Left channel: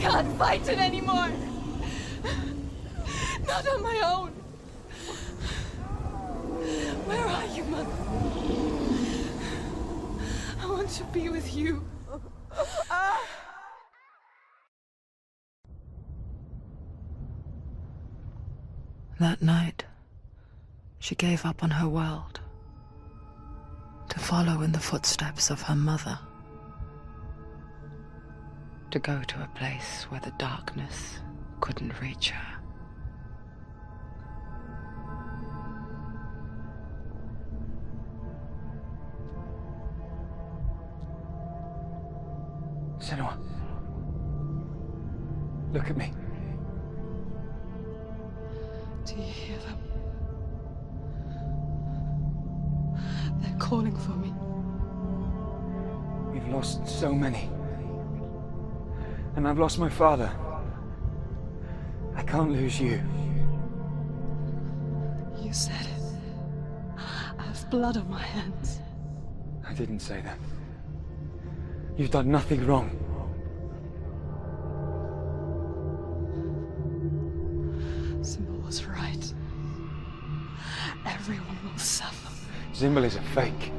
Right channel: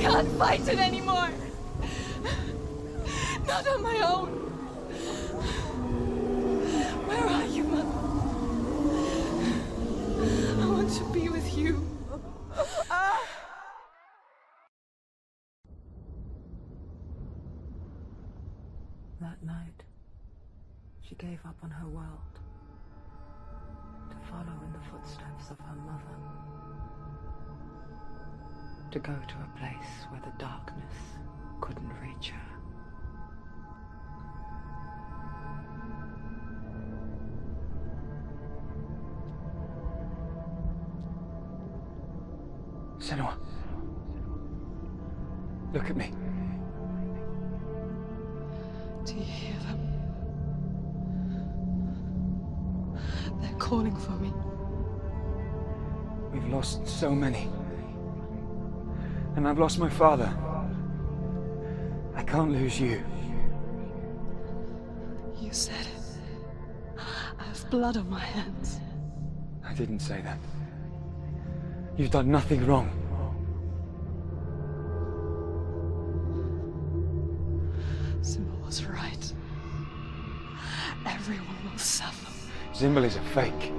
can't fight it anymore. Not on my own. Where are you, Mother? I want to be with you. That night, she gave up on her world to follow in the footsteps of her mother, to go to a place where the darkness couldn't reach her. Senua, look at me. Do you hear them? They're calling for me. We've lost so many. And I've lost my father. I can't lose you. You said it. I have blood on my hands. I didn't say that. You've done nothing wrong. Symbol was right. Everyone will suffer. Zimbel is a fake.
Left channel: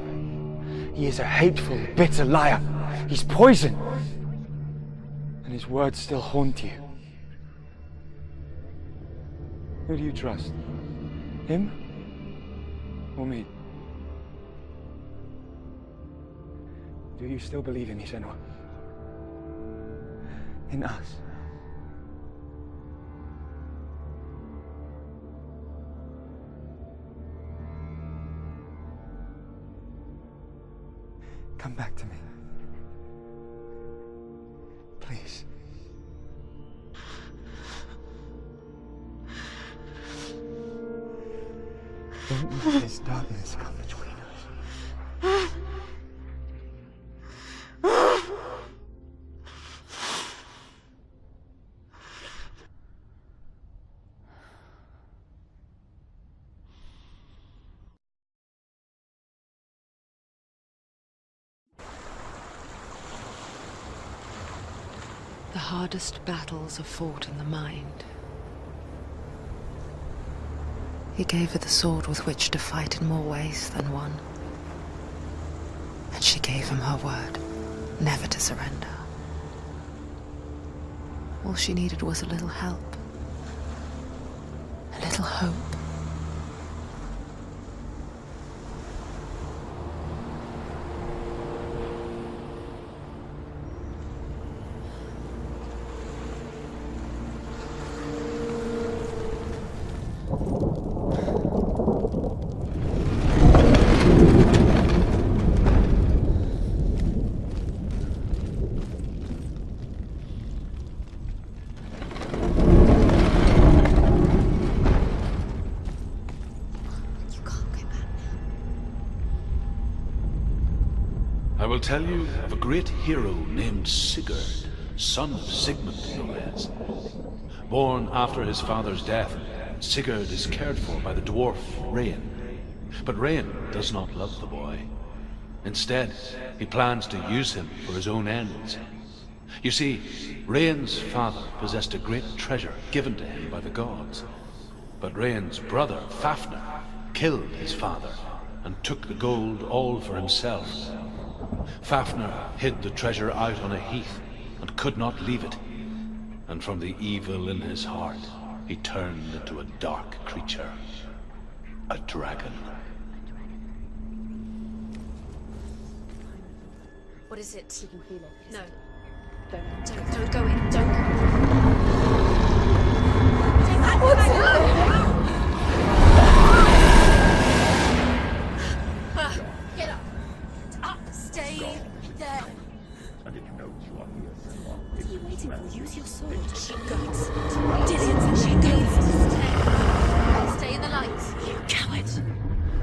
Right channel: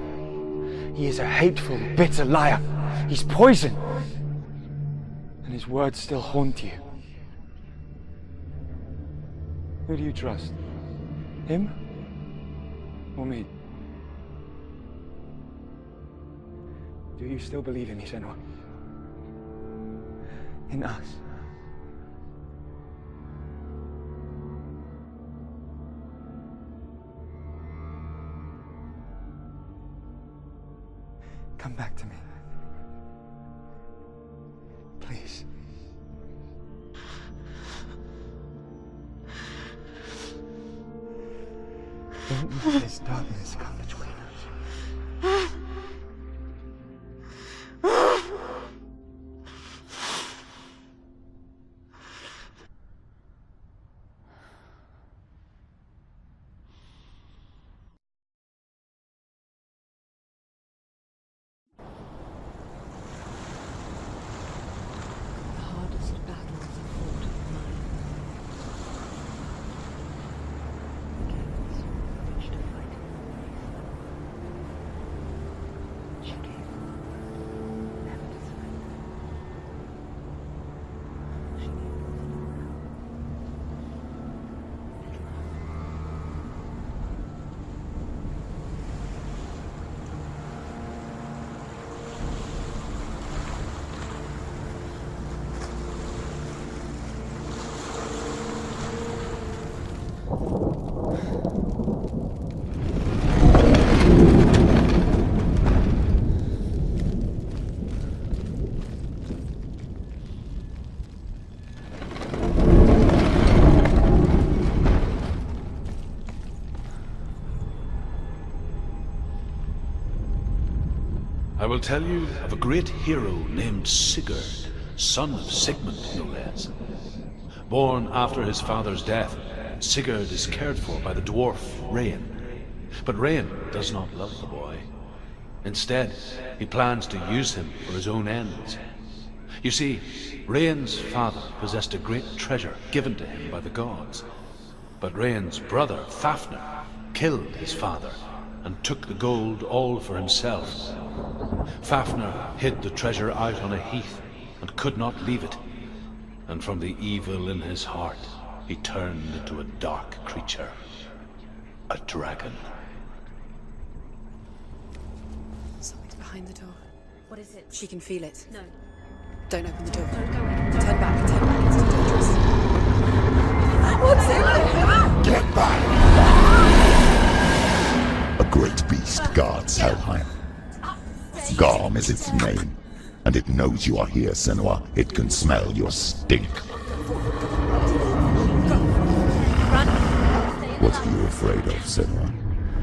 He is a hateful, bitter liar. He's poison. And his words still haunt you. Who do you trust? Him? Or me? Do you still believe in me, Senua? In us? Come back to me. Please. Don't let this darkness come between us. The hardest battles are fought in the mind. He gave her the sword with which to fight in more ways than one. And she gave him her word, never to surrender. All she needed was a little help, a little hope. I will tell you of a great hero named Sigurd, son of Sigmund, no less. Born after his father's death, Sigurd is cared for by the dwarf Rain. But Rain does not love the boy. Instead, he plans to use him for his own ends. You see, Rain's father possessed a great treasure given to him by the gods. But Rain's brother, Fafnir, killed his father and took the gold all for himself. Fafnir hid the treasure out on a heath and could not leave it. And from the evil in his heart, he turned into a dark creature. A dragon. Someone's behind the door. What is it? She can feel it. No. Don't open the door. Don't go in. Don't Turn back. What's in there? Get back! A great beast guards Helheim. Garm is its name, and it knows you are here, Senua. It can smell your stink. What are you afraid of, Senua?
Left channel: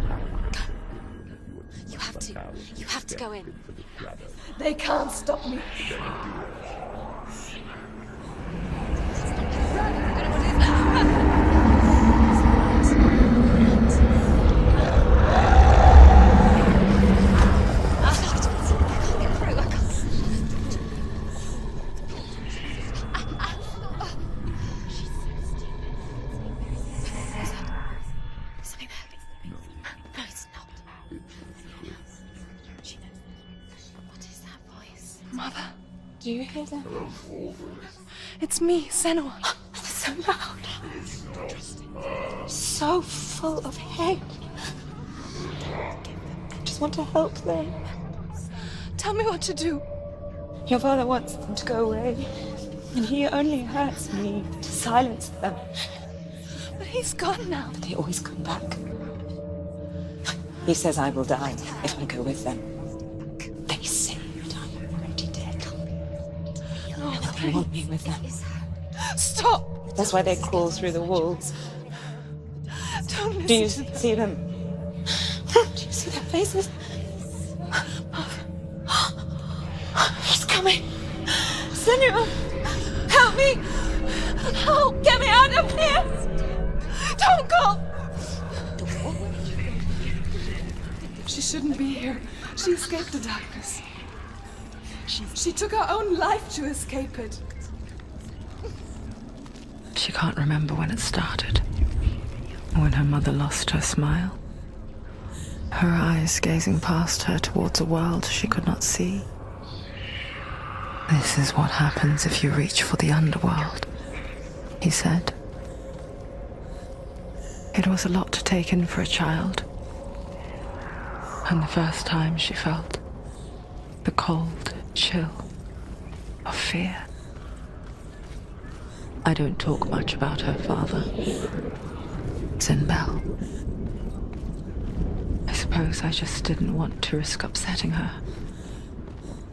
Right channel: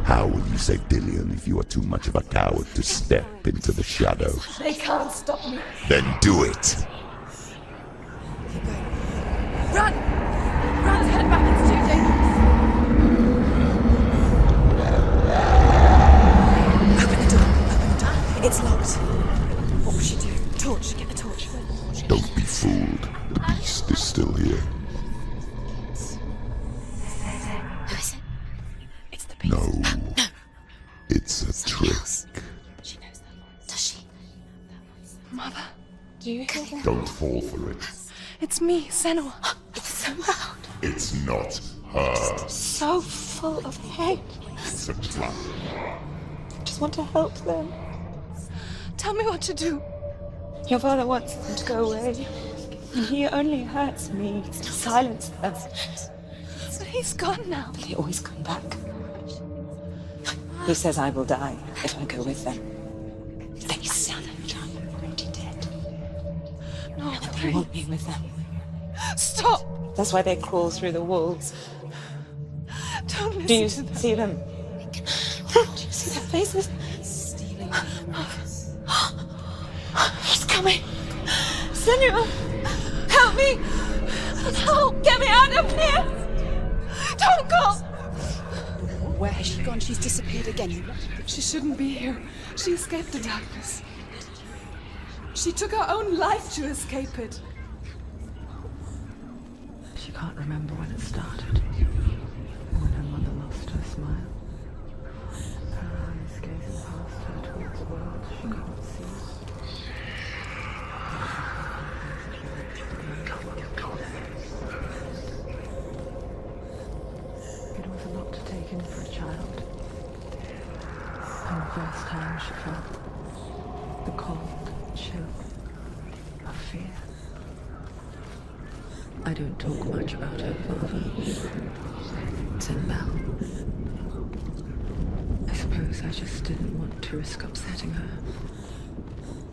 How will you save Dillion if you are too much of a coward to step into the shadow? They can't stop me. Then do it! Don't be fooled. No, No, it's not. it's a trick. She knows that. Does she? What is that voice? Mother, do you hear that? Don't fall for it. It's me, Senua. It's so loud. It's not her. So full of hate. It's a trap. I just want to help them. Tell me what to do. Your father wants them to go away. And he only hurts me to silence them. But he's gone now. They always come back. He says I will die if I go with them. They say that I'm already dead. No, They please. want me with them. Stop. That's why they crawl through the walls. Don't listen Do you to them. see them? Do you see their faces? He's coming. Senua, help me. Help, get me out of here. Don't go. Where has she gone? She's disappeared again. She shouldn't be here. She escaped the darkness. She took her own life to escape it. She can't remember when it started. When her mother lost her smile. Her eyes gazing past her towards a world she could not see. This is what happens if you reach for the underworld, he said. It was a lot to take in for a child. And the first time she felt the cold chill of fear. I don't talk much about her father. Bell. I suppose I just didn't want to risk upsetting her.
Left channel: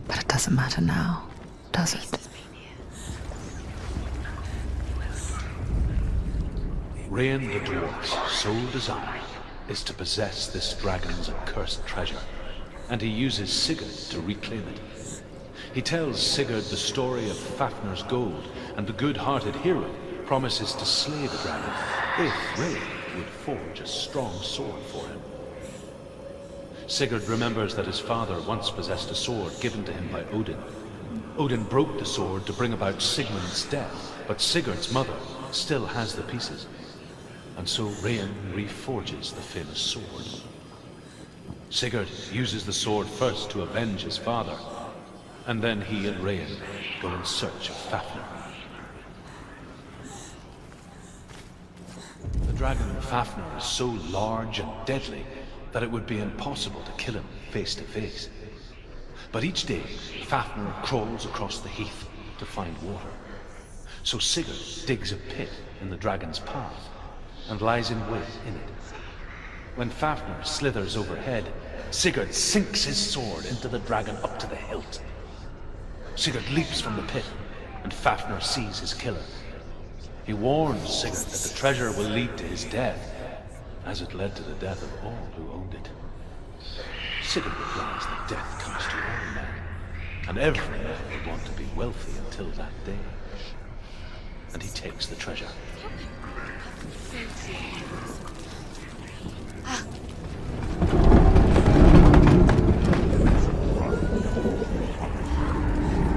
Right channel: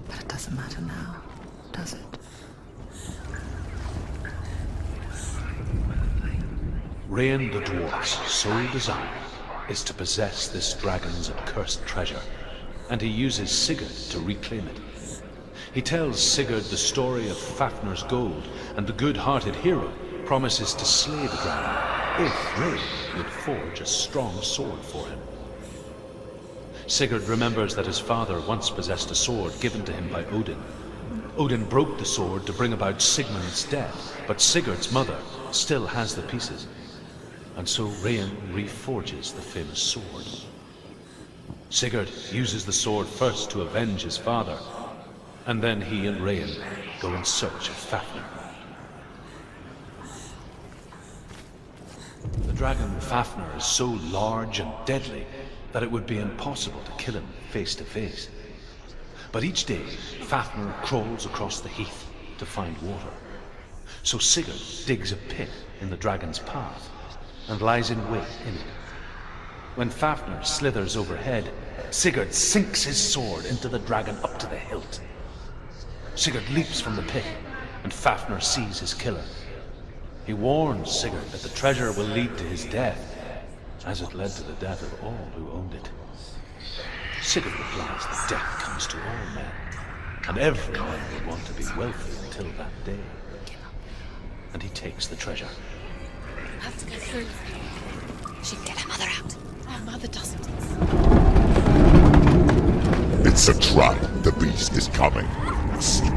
But it doesn't matter now, does it? Rain the dwarf's sole desire is to possess this dragon's accursed treasure, and he uses Sigurd to reclaim it. He tells Sigurd the story of Fafnir's gold, and the good-hearted hero promises to slay the dragon if Rain would forge a strong sword for him. Sigurd remembers that his father once possessed a sword given to him by Odin. Odin broke the sword to bring about Sigmund's death, but Sigurd's mother still has the pieces. And so Rain reforges the famous sword. Sigurd uses the sword first to avenge his father, and then he and Rain go in search of Fafnir. The dragon Fafnir is so large and deadly that it would be impossible to kill him face to face. But each day, Fafnir crawls across the heath to find water. So Sigurd digs a pit in the dragon's path and lies in wait in it. When Fafnir slithers overhead, Sigurd sinks his sword into the dragon up to the hilt. Sigurd leaps from the pit, and Fafnir sees his killer. He warns Sigurd that the treasure will lead to his death, as it led to the death of all who owned it. Sigurd replies that death comes to all men, and every man would want to be wealthy until that day. And he takes the treasure. She can get her mother out. Her mother doesn't. It's a trap. The beast is coming. Sleep.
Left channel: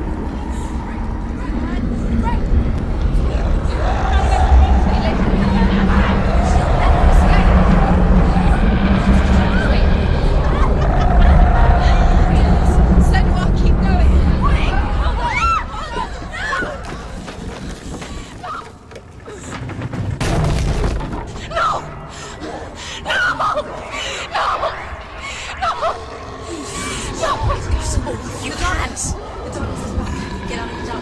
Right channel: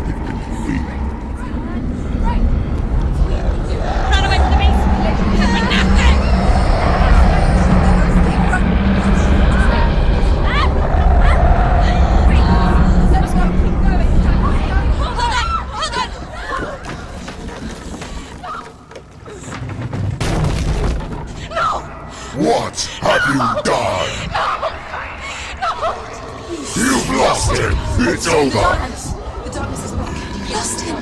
What have you done? No! You've lost him! It's over! The darkness is back. You've lost him.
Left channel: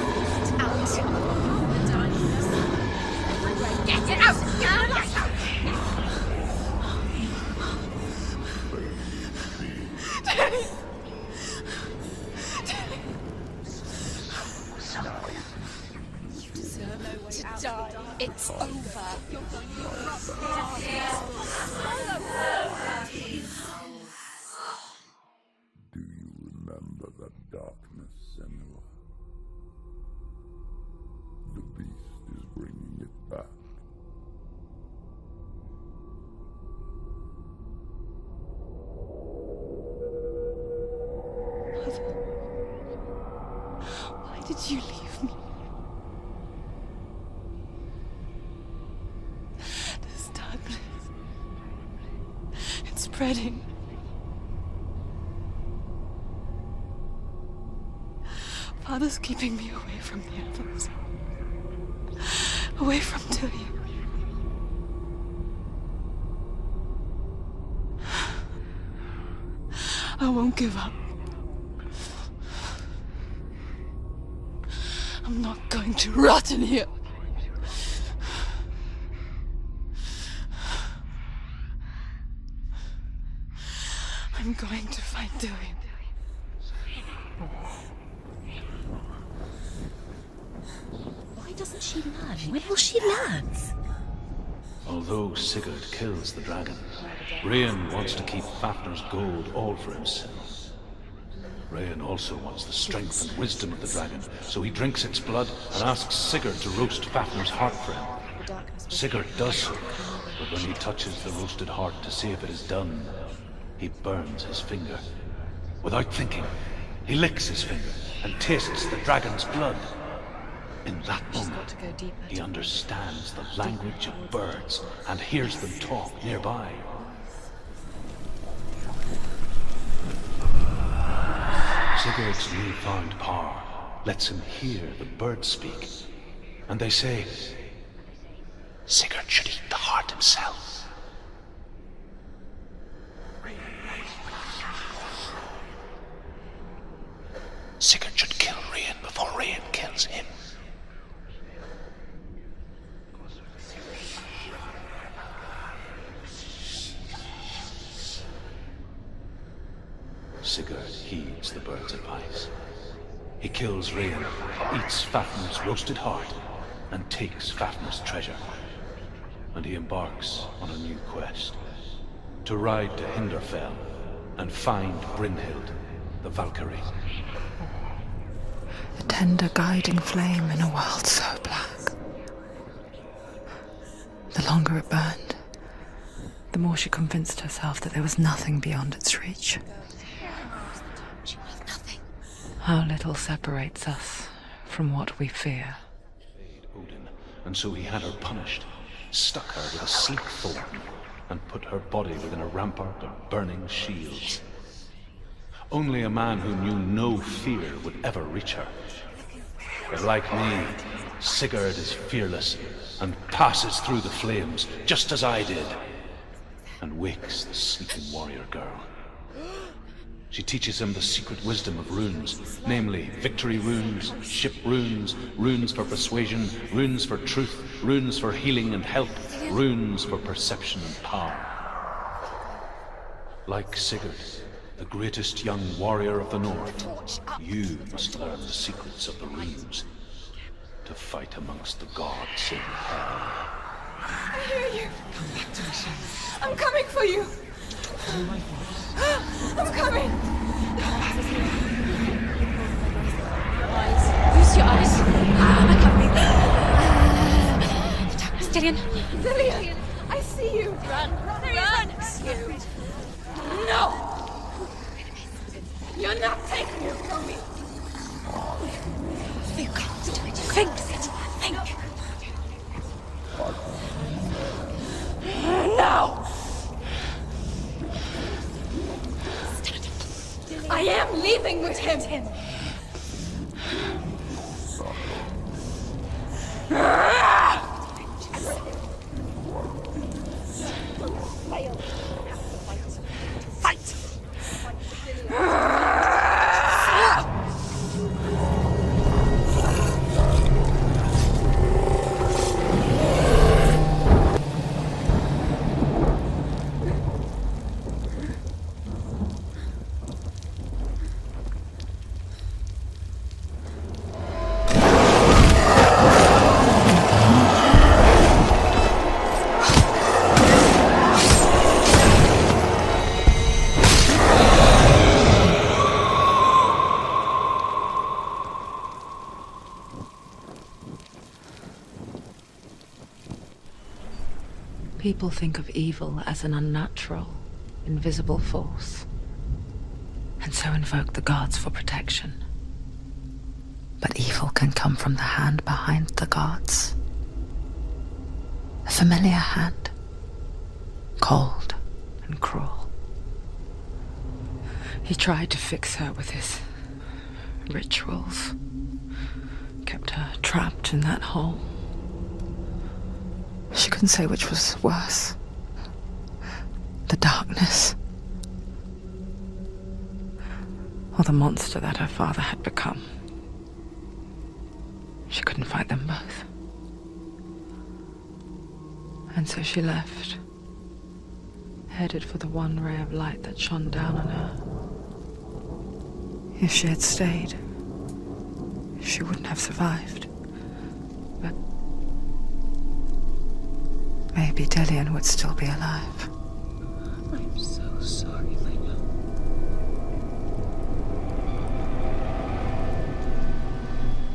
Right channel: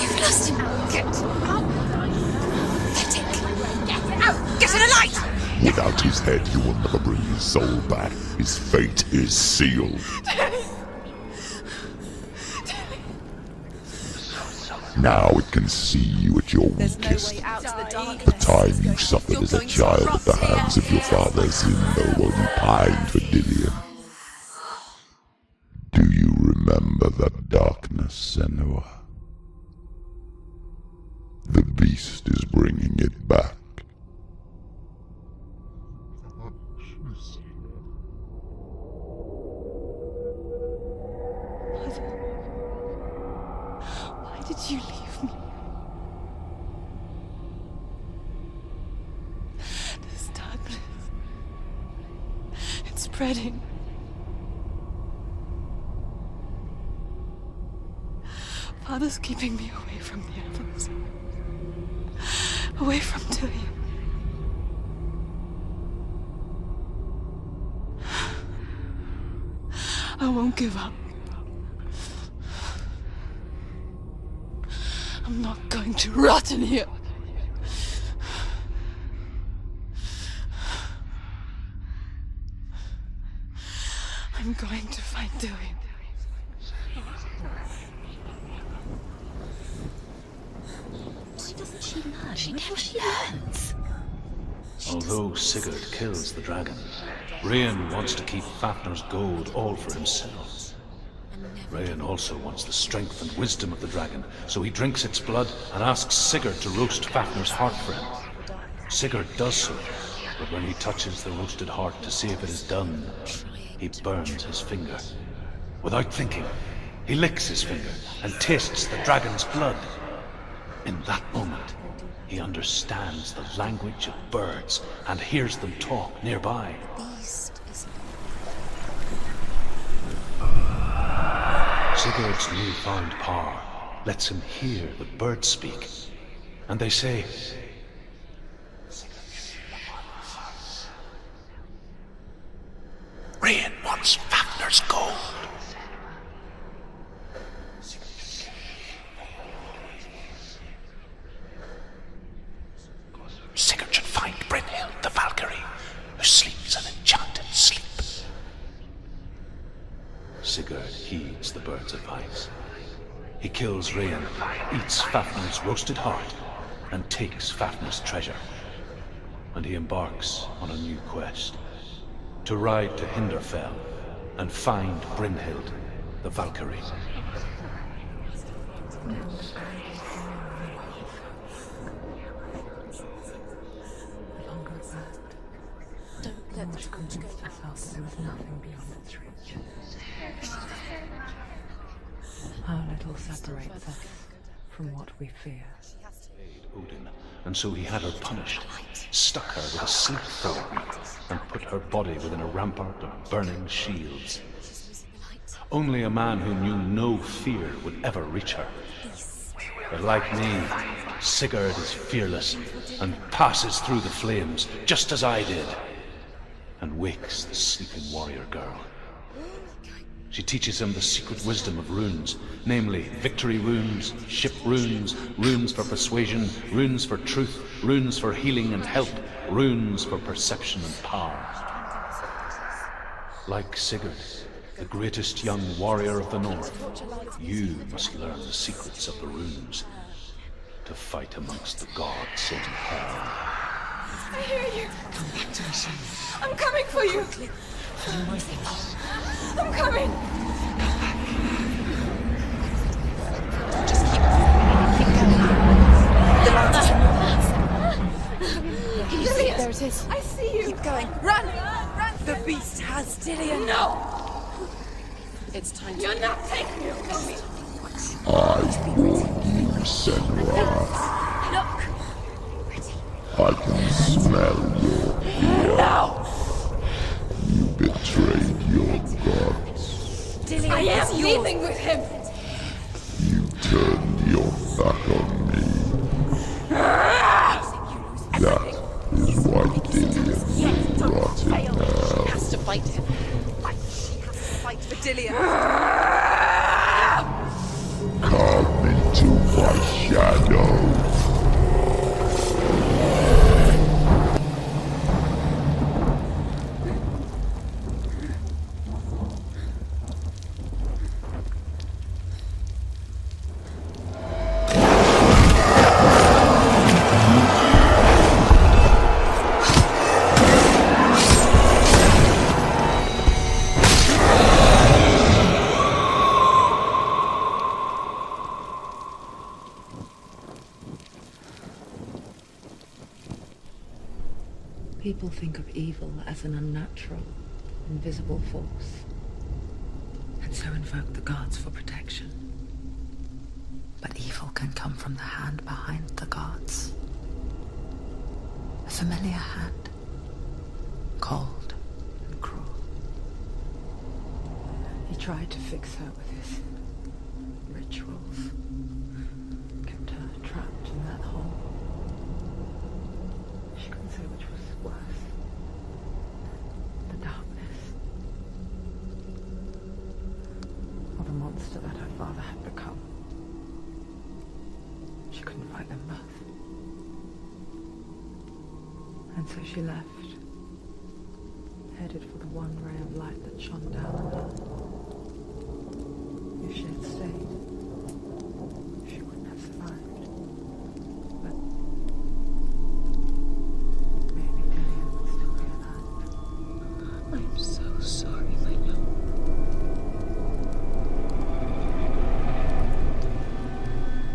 You've lost him. Get it out! Get to the light! Without his head, he will never bring his soul back. His fate is sealed. Now it can see you at your weakest. The time you suffered as a child at the hands of your father seemed no one pined for Dillian. Do you remember that darkness, Senua? The beast is bringing it back. Why did you leave me? This darkness. spreading. Father's keeping me away from the others. Away from Tilly. I won't give up. I'm not going to rot in here. I'm going to find Tilly. Why doesn't she learn? When will she learn? Although Sigurd kills the dragon, Rayan wants to keep Fafnir's gold all for himself. Rayan also wants the strength and wisdom of the dragon, so he drinks its blood and asks Sigurd to roast Fafnir's heart for him. Sigurd does so, but when he touches the roasted heart to see if it is done, he burns his finger. Without thinking, he licks his finger and tastes the dragon's blood. In that moment, he understands the language of birds and hears them talk nearby. Sigurd's newfound power lets him hear the birds speak, and they say, Sigurd should eat the heart himself. Rayan wants Fafnir's gold. Sigurd should kill Rayan before Rayan kills him. Sigurd should find Brynhild, the Valkyrie, who sleeps an enchanted sleep. Sigurd heeds the bird's advice. He kills Rayan, eats Fafnir's roasted heart, and takes Fafnir's treasure. And he embarks on a new quest, to ride to Hinderfell and find Brynhild, the Valkyrie. The tender guiding flame in a world so black. The longer it burned, the more she convinced herself that there was nothing beyond its reach. How little separates us from what we fear. Odin, and so he had her punished, stuck her with a sleep thorn, and put her body within a rampart of burning shields. Only a man who knew no fear would ever reach her. But like me, Sigurd is fearless and passes through the flames, just as I did, and wakes the sleeping warrior girl. She teaches him the secret wisdom of runes, namely victory runes, ship runes, runes for persuasion, runes for truth, runes for healing and help, runes for perception and power. Like Sigurd, the greatest young warrior of the North, you must learn the secrets of the runes to fight amongst the gods in hell. I hear you. Come back to me, son. I'm coming for you. Follow my voice. I'm coming. Just close your eyes. Dillion. Dillion, I see you. Run. The beast has Dillion. No. It's time. You're not taking it from me. Think. I can smell you. No. You betrayed your god. I am leaving with him. You turned your back on me. That is why Dillion will rot in hell. Has to fight. Fight. Fight for Dillion. Come into my shadow. People think of evil as an unnatural, invisible force, and so invoke the gods for protection. But evil can come from the hand behind the gods. A familiar hand, cold and cruel. He tried to fix her with his rituals. Kept her trapped in that hole. She couldn't say which was worse. The darkness. Or the monster that her father had become. She couldn't fight them both. And so she left, headed for the one ray of light that shone down on her. If she had stayed, she wouldn't have survived. But maybe Delian would still be alive. I'm so sorry, my love.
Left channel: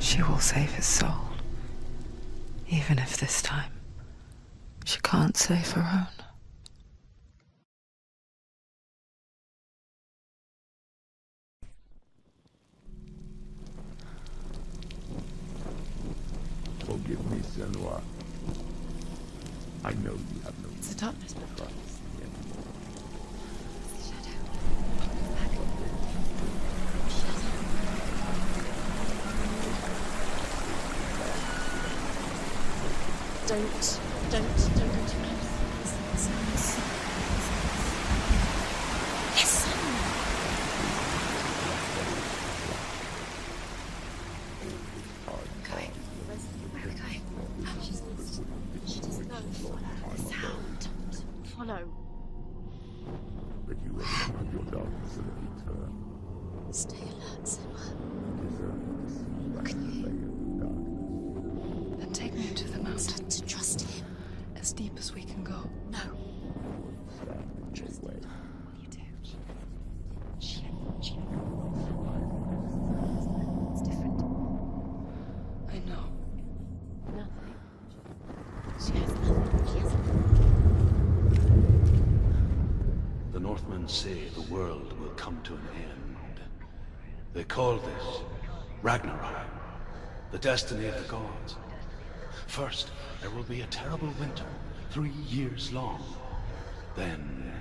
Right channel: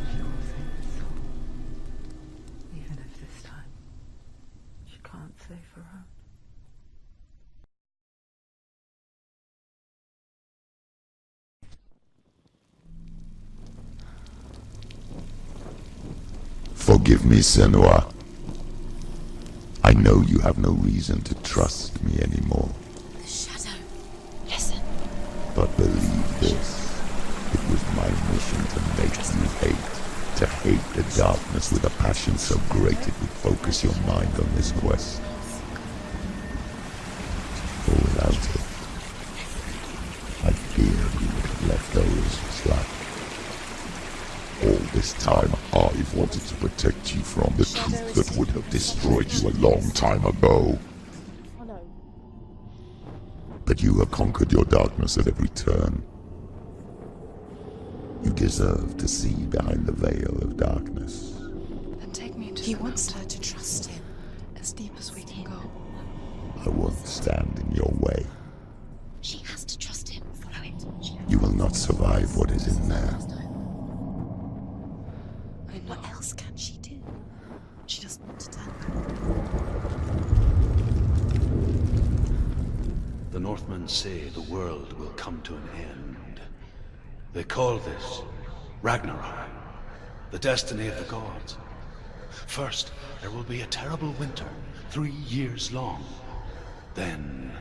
She will save his soul. Even if this time she can't save her own. Forgive me, Senua. I know you have no reason to trust me anymore. Shadow. Listen. But believe this, it was my mission to make you hate. To hate the darkness with a passion so great it would focus your mind on this quest. Reality. A demon left those trapped. All this time, I wanted to protect you from the truth that would have destroyed you a long time ago. Follow. But you have conquered your darkness at every turn. Stay alert, Senua. You deserve to see behind the veil of darkness. Then take me to He the wants mountain, her to trust him. as deep as we can go. No, I won't stand in your way. she has to trust him. Follow it. You will not survive what is in there. I know. What else can she do? No, she doesn't want to tell us. The Northmen say the world will come to an end. They call this Ragnarok, the destiny of the gods. First, there will be a terrible winter, 3 years long. Then,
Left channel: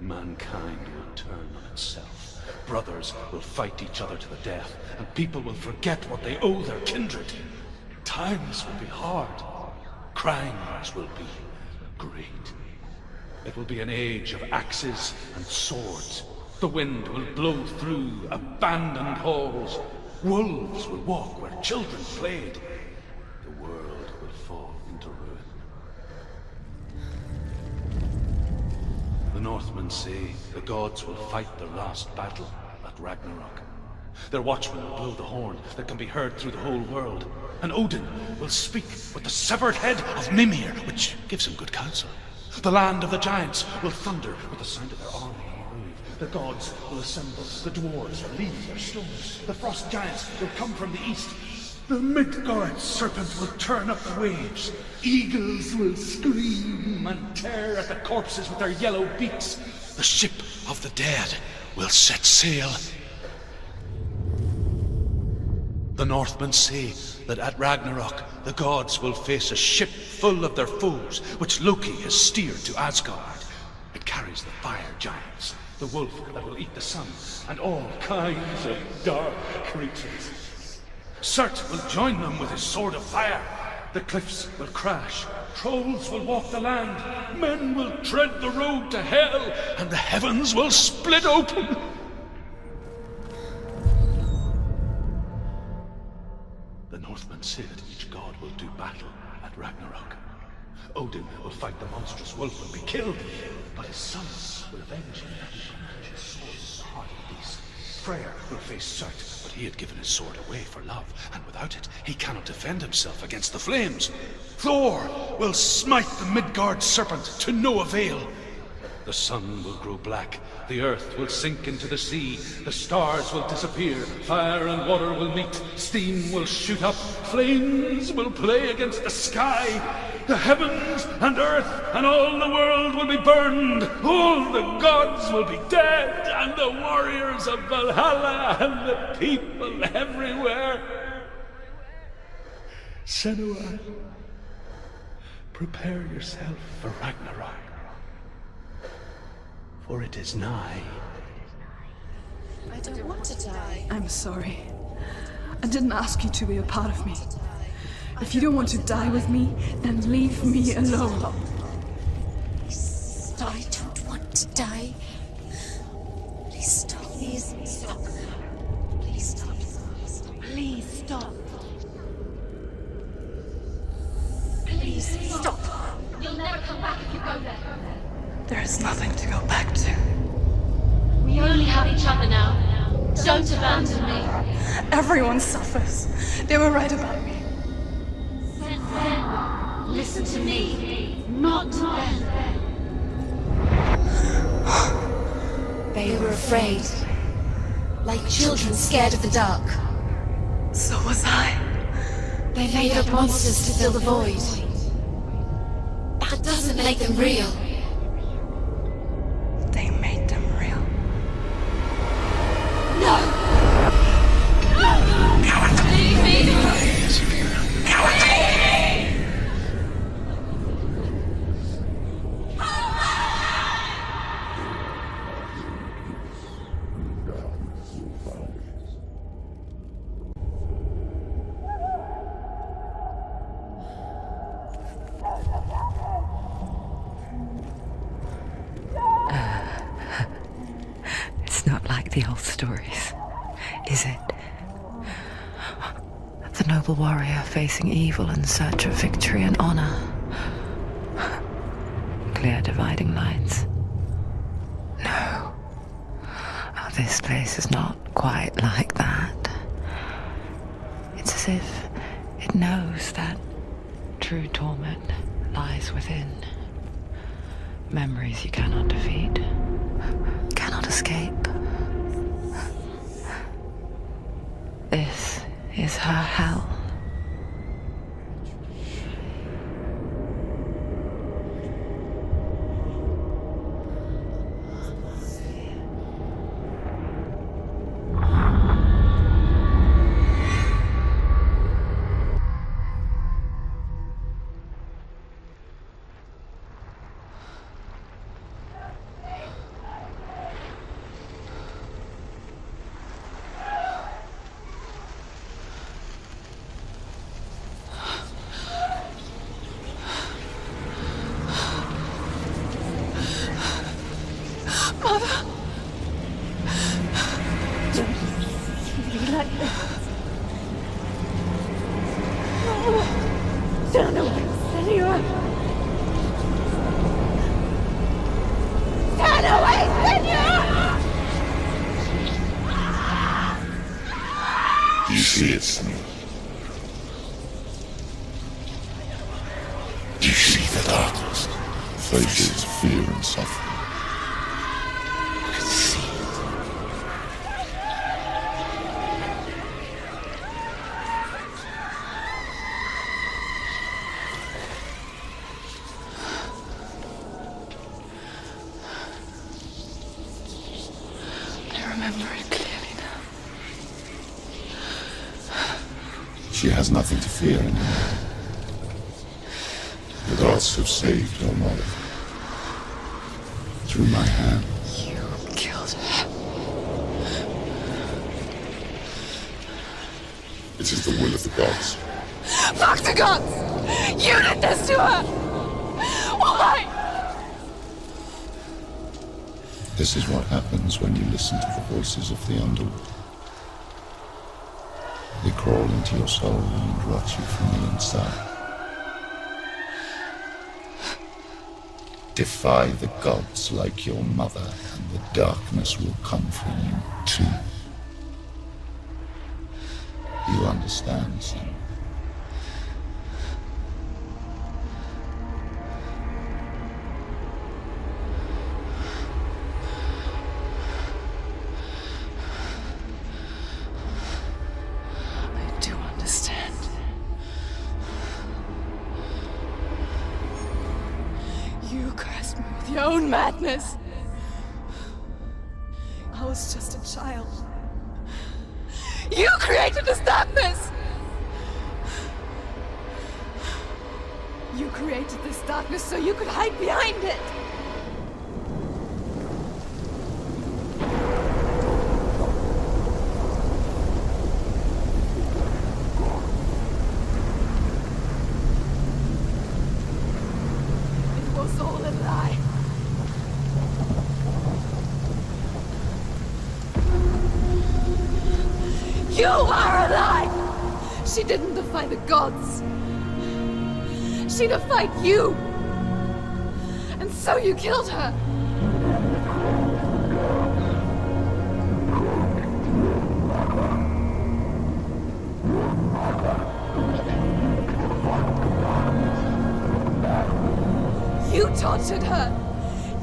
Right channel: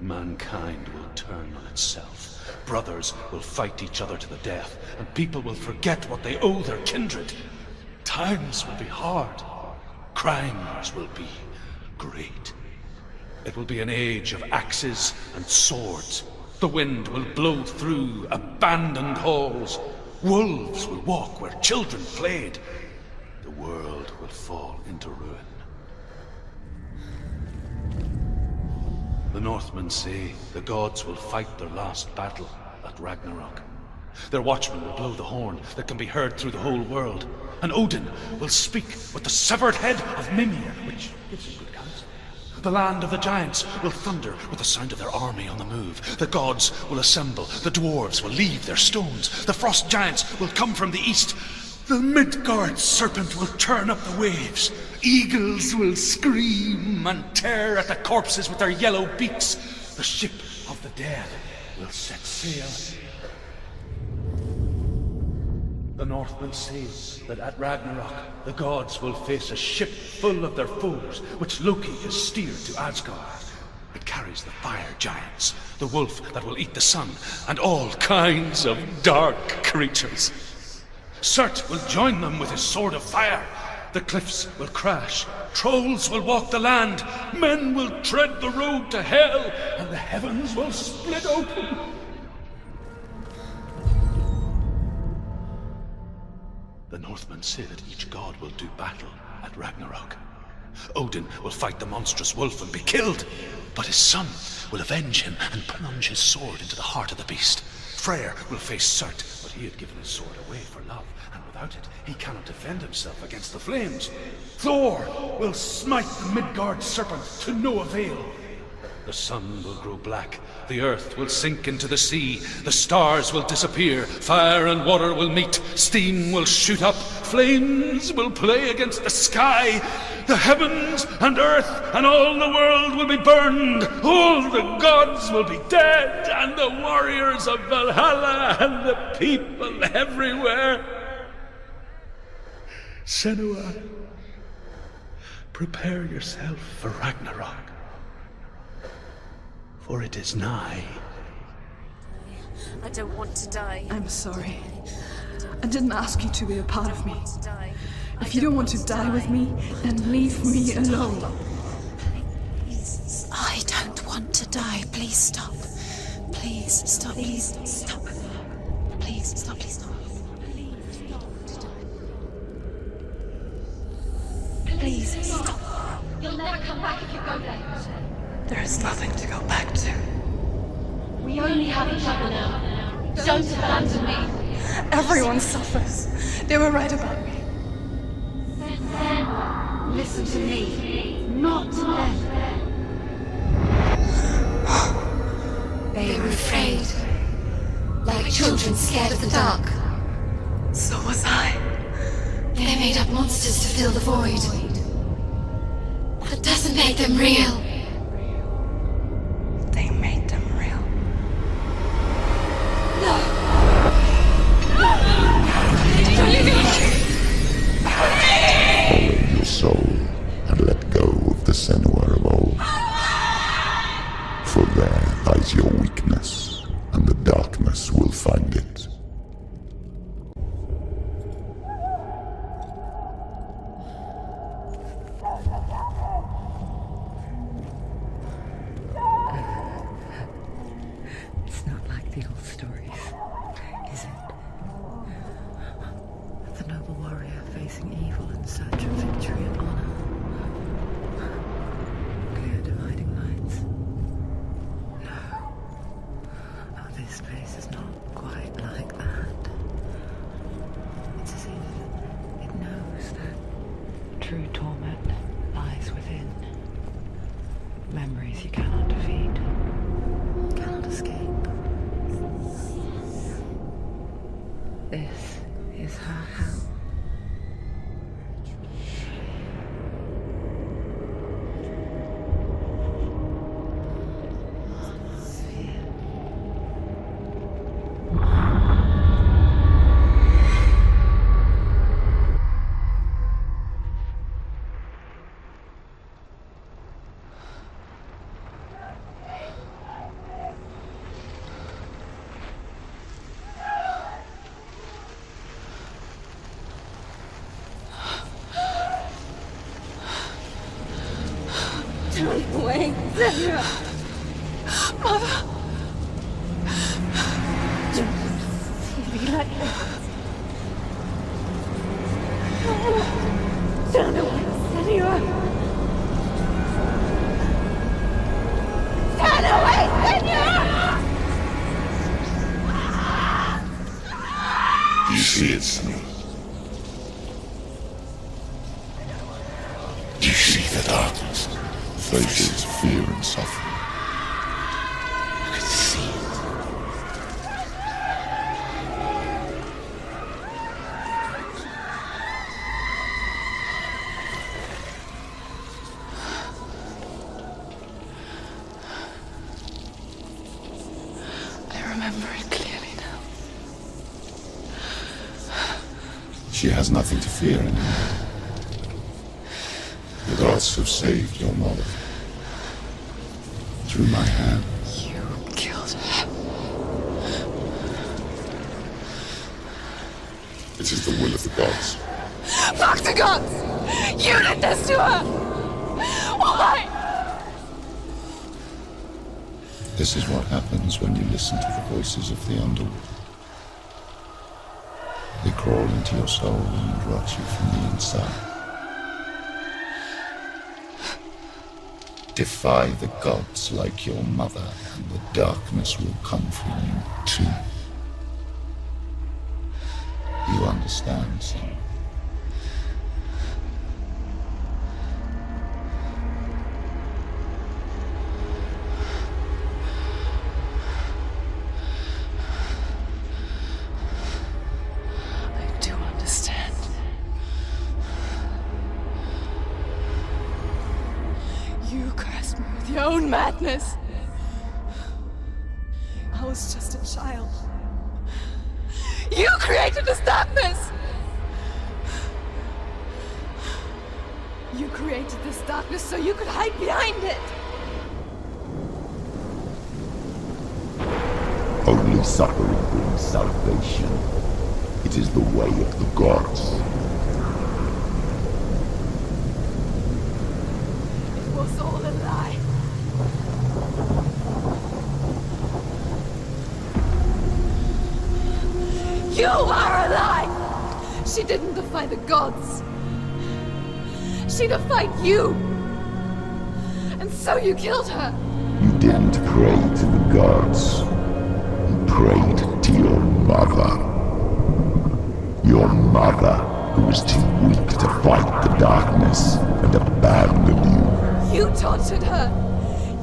mankind will turn on itself. Brothers will fight each other to the death, and people will forget what they owe their kindred. Times will be hard. Crimes will be great. It will be an age of axes and swords. The wind will blow through abandoned halls. Wolves will walk where children played. The world will fall into ruin. The Northmen say the gods will fight their last battle at Ragnarok. Their watchmen will blow the horn that can be heard through the whole world. And Odin will speak with the severed head of Mimir, which gives him good counsel. The land of the giants will thunder with the sound of their army on the move. The gods will assemble. The dwarves will leave their stones. The frost giants will come from the east. The Midgard serpent will turn up the waves. Eagles will scream and tear at the corpses with their yellow beaks. The ship of the dead will set sail. The Northmen say that at Ragnarok, the gods will face a ship full of their foes, which Loki has steered to Asgard. It carries the fire giants, the wolf that will eat the sun, and all kinds of dark creatures. Surt will join them with his sword of fire. The cliffs will crash. Trolls will walk the land. Men will tread the road to hell, and the heavens will split open. The Northmen say that each god will do battle at Ragnarok. Odin will fight the monstrous wolf and be killed, but his son will avenge him and plunge his sword into the heart of the beast. Freyr will face Surt, but he had given his sword away for love, and without it, he cannot defend himself against the flames. Thor will smite the Midgard serpent to no avail. The sun will grow black, the earth will sink into the sea, the stars will disappear, fire and water will meet, steam will shoot up, flames will play against the sky, the heavens and earth and all the world will be burned, all the gods will be dead, and the warriors of Valhalla and the people everywhere. Senua, prepare yourself for Ragnarok. For it is nigh. I don't want to die. I'm sorry. I didn't ask you to be a part of me. If you don't want to die with me, then leave me alone. I don't want to die. Please stop. Please stop. Please stop. Please stop. Please stop. Please stop. Please stop. You'll never come back if you go there. There is nothing to go back to. We only have each other now. Don't abandon me. Everyone suffers. They were right about me. Listen to me, not them. They were afraid. Like children scared of the dark. So was I. They made up monsters to fill the void. That doesn't make them real. They made them real. No! Follow your soul and let go of the Senua of old. For there lies your weakness, and the darkness will find it. It's not like the old stories, is it? The noble warrior facing evil in search of victory and honor. Clear dividing lines. No. Oh, this place is not quite like that. It's as if it knows that true torment lies within. Memories you cannot defeat, cannot escape. This is her hell. Wait, Mother! Don't be like this. Turn away, Senua! Turn away, Senua! You see it, Senua? You see the darkness, faces fear and suffering. I can see it. I remember it clearly now. She has nothing to fear anymore. The gods have saved your mother. Through my hand. You killed her. It is the will of the gods. Fuck the gods! You did this to her! Why? This is what happens when you listen to the voices of the underworld. They crawl into your soul and rot you from the inside. Defy the gods like your mother, and the darkness will come for you too. You understand, son? I do understand. You cursed me with your own madness. I was just a child. You created this darkness! You created this darkness so you could hide behind it! Only Only suffering brings salvation. It is the way of the gods. It was all a lie. You are a lie! She didn't defy the gods. She defied you. And so you killed her. You didn't pray to the gods. You prayed to your mother. Your mother, who was too weak to fight the darkness and abandoned you. You tortured her.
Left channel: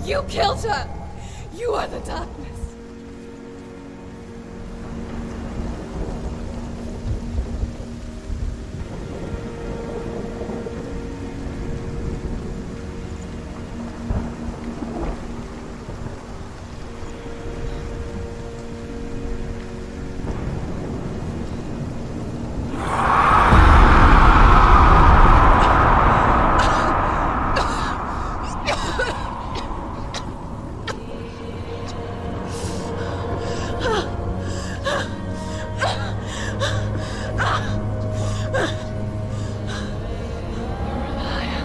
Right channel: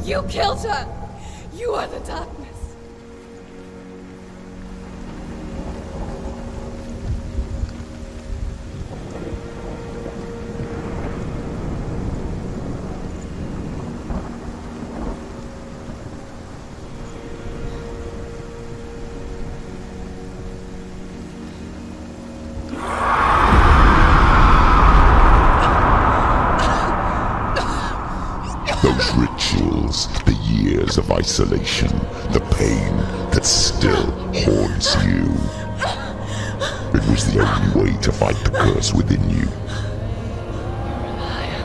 You killed her. You are the darkness. Those rituals, the years of isolation, the pain that still haunts you. It was the only way to fight the curse within you. You're a liar.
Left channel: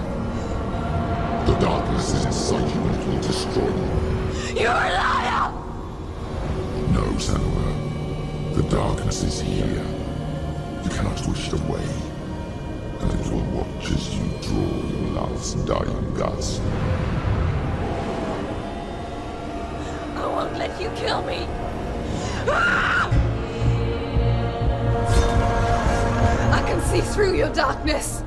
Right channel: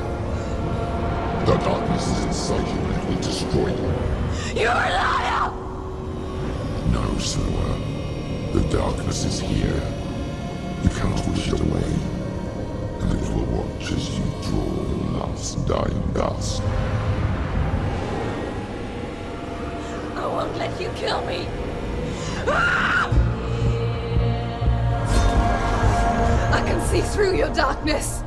The darkness is inside you, let me destroy you. You're a liar! No, Senua. The darkness is here. You cannot wish it away. And it will watch as you draw your last dying gasp. I won't let you kill me. Ah! I can see through your darkness.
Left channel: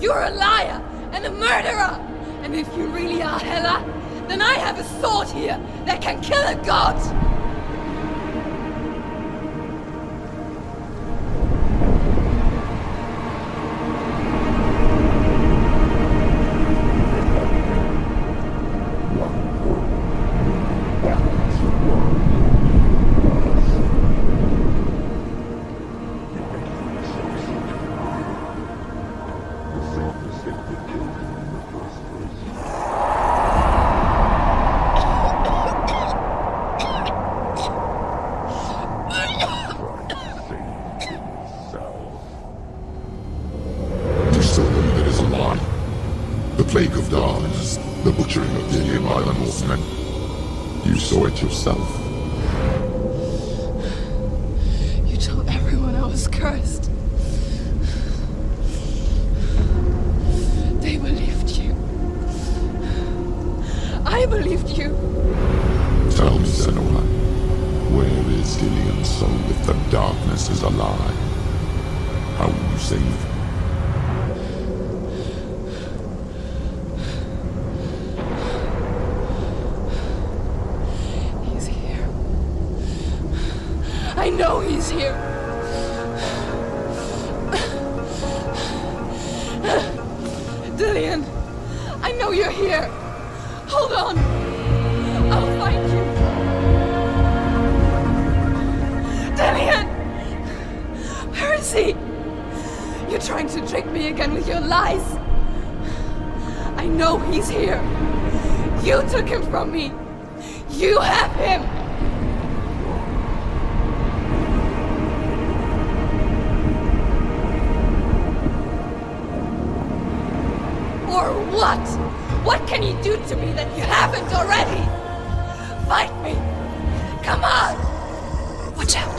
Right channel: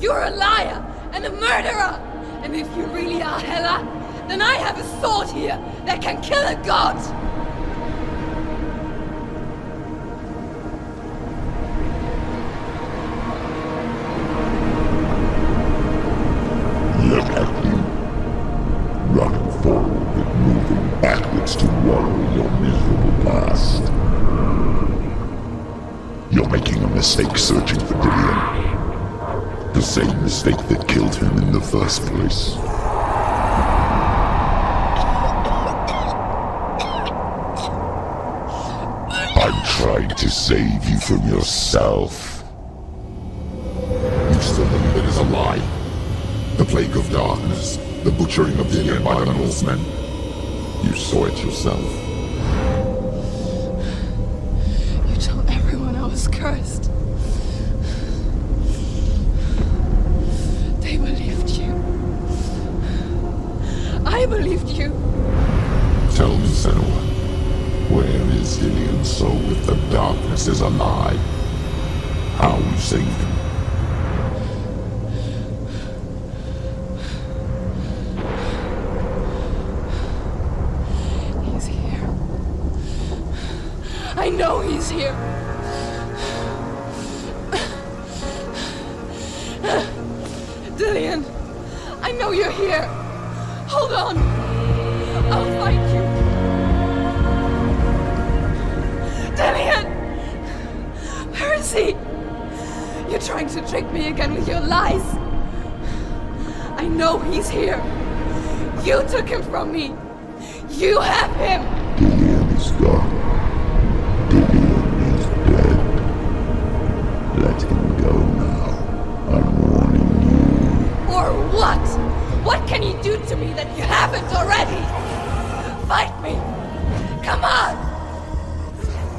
You're a liar and a murderer. And if you really are Hela, then I have a sword here that can kill a god. Look at you. Running forward, moving backwards to worry your evil past. You're making a mistake searching for Dillion. The same mistake that killed him in the first place. I'm trying to save you from yourself. You still believe it is a lie? The plague of darkness, the butchering of Dillion by the Northmen. You saw it yourself. You told everyone I was cursed. They believed you. I believed you. Tell me, Senua, where is Dillion's soul if the darkness is alive? How you saved him? He's here. I know he's here. Dillion, I know you're here. Hold on. I'll find you. Dillion! Where is he? You're trying to trick me again with your lies. I know he's here. You took him from me. You have him. Dillion is gone. Dillion is dead. Let him go now. I'm warning you. Or what? What can you do to me that you haven't already? Fight me! Come on! Watch out!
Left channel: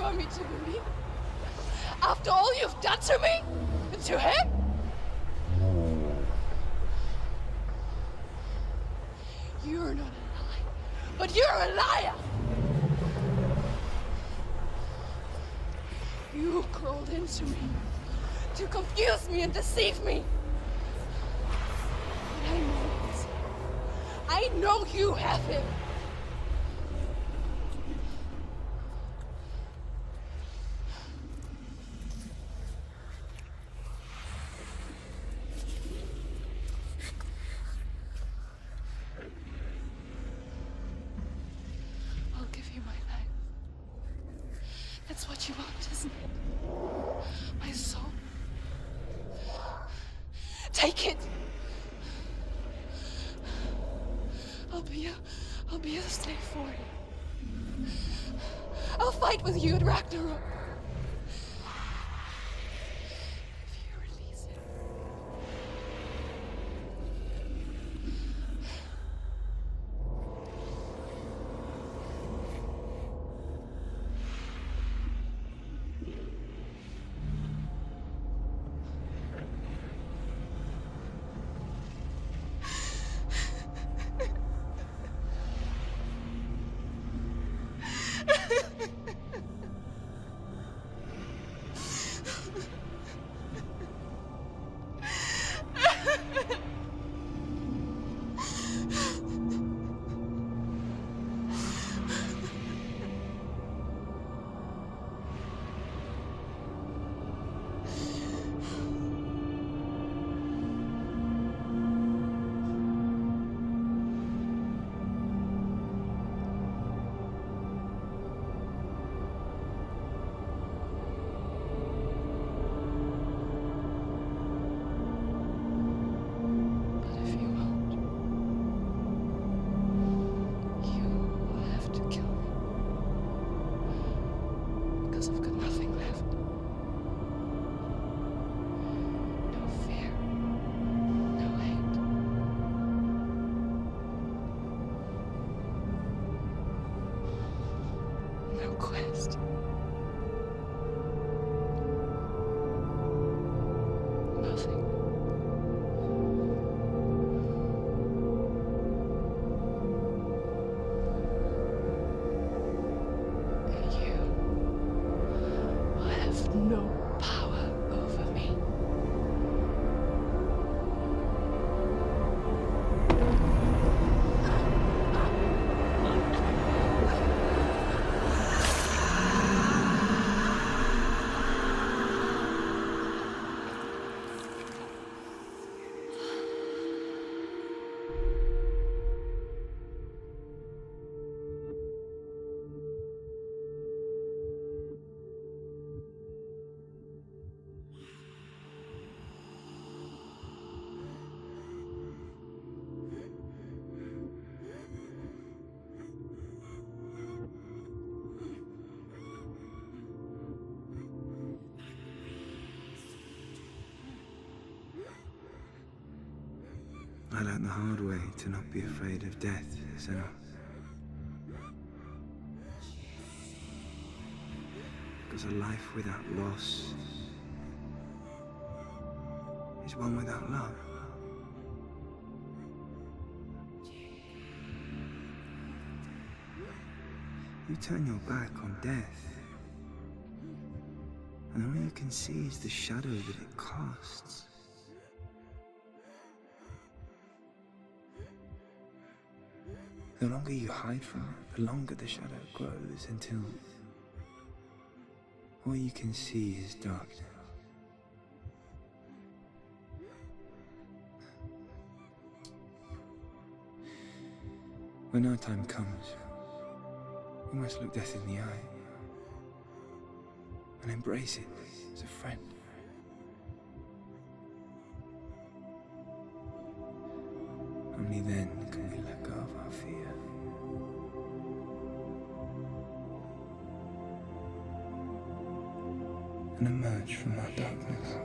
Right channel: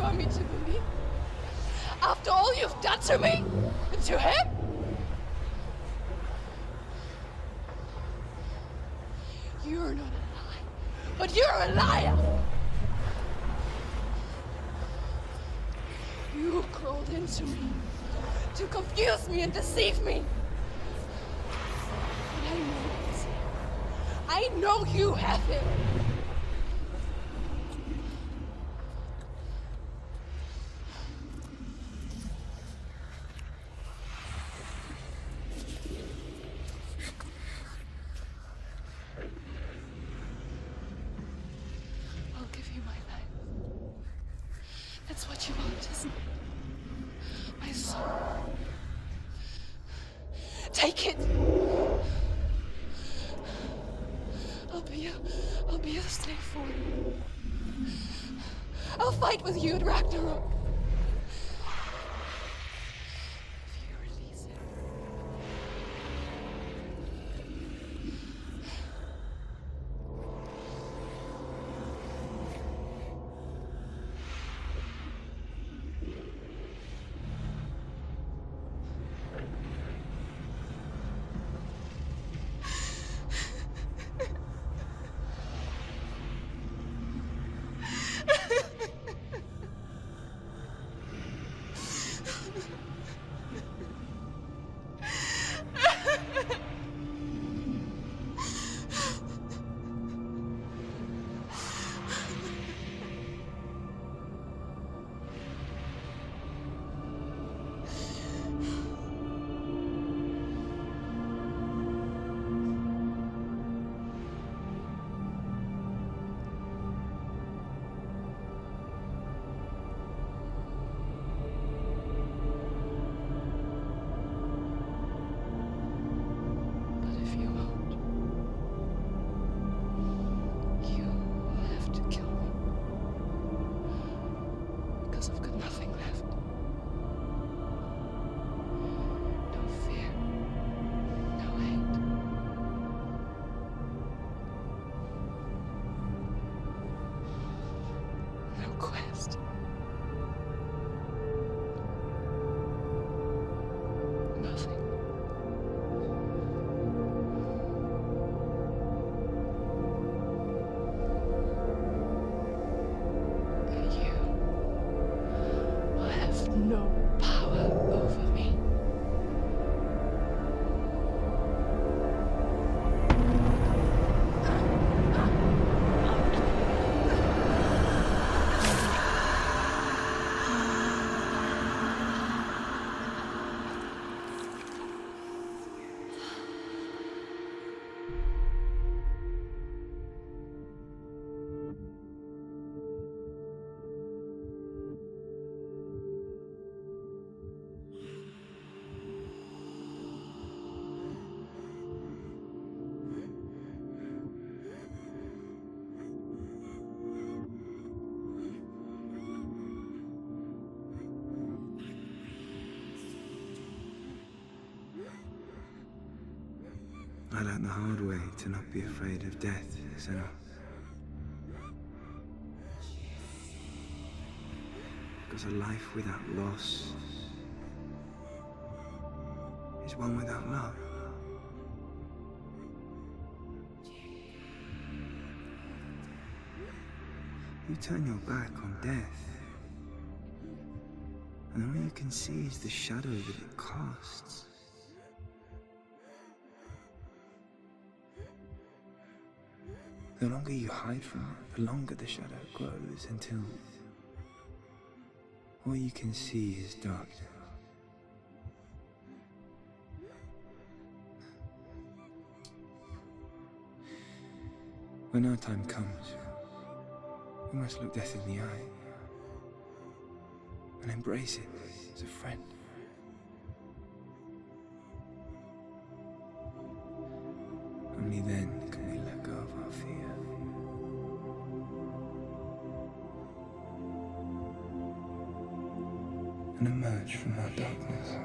you want me to believe? After all you've done to me? And to him? You're not a lie, but you're a liar! You crawled into me to confuse me and deceive me. But I know he's here. I know you have him. I'll give you my life. That's what you want, isn't it? My soul. Take it. I'll be a slave for you. I'll fight with you at Ragnarok. If you release it. I've got nothing left. No fear. No hate. No quest. Nothing. No power over me. I learned the hard way to not be afraid of death, Senua. Because a life without loss is one without love. You turn your back on death, and all you can see is the shadow that it casts. The longer you hide from it, the longer the shadow grows until all you can see is darkness. When our time comes, we must look death in the eye and embrace it as a friend. Only then can we let go of our fear. And emerge from our darkness.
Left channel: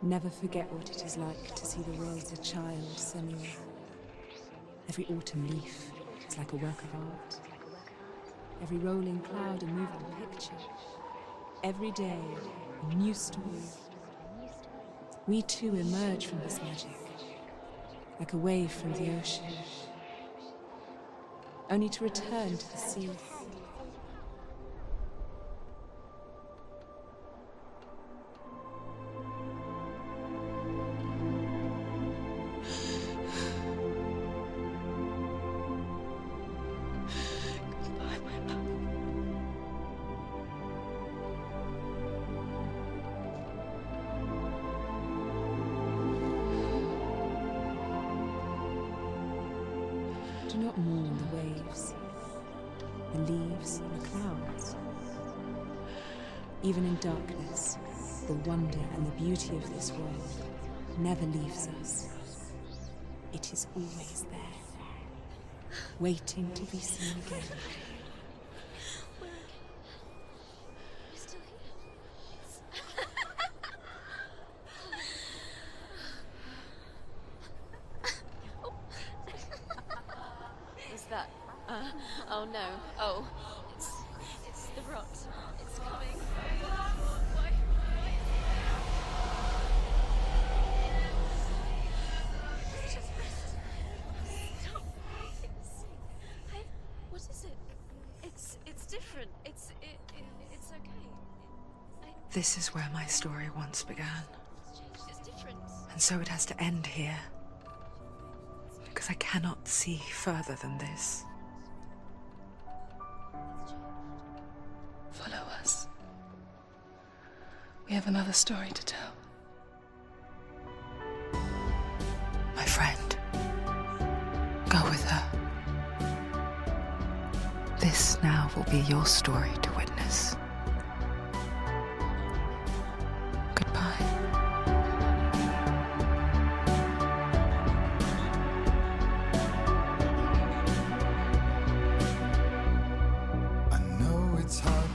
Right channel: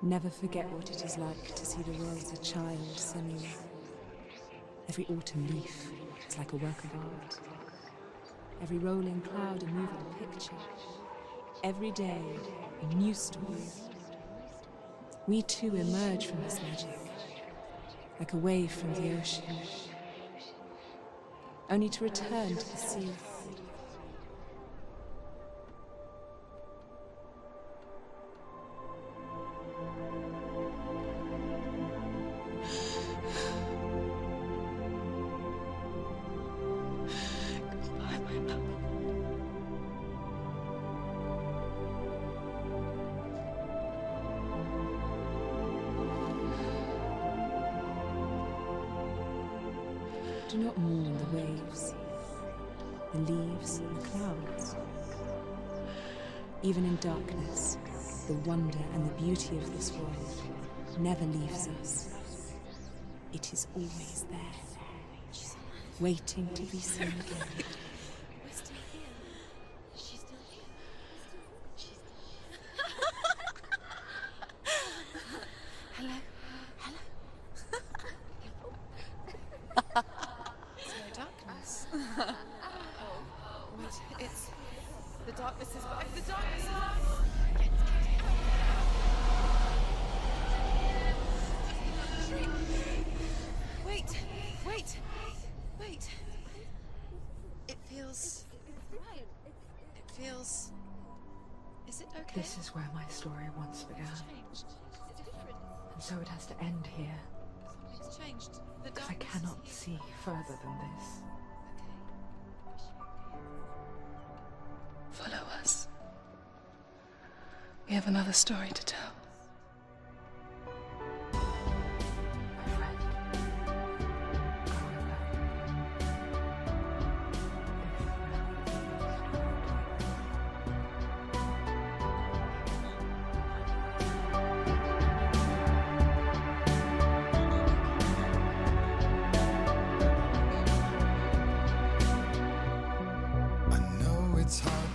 Never forget what it is like to see the world as a child, Senua. Every autumn leaf is like a work of art. Every rolling cloud a moving picture. Every day a new story. We too emerge from this magic, like a wave from the ocean, only to return to the sea. Goodbye, my love. Do not mourn the waves, the leaves, and the clouds. Even in darkness, the wonder and the beauty of this world never leaves us. It is always there, waiting to be seen again. Oh no. Oh. It's the rot. The darkness is back. The darkness is Wait. What is it? It feels... It's different. It feels... It's okay. Is it okay? This is where my story once began. It's different. And so it has to end here, It's changed. because I cannot see further than this. Follow us. We have another story to tell. My friend, go with her. This now will be your story to witness. Goodbye. I know it's hard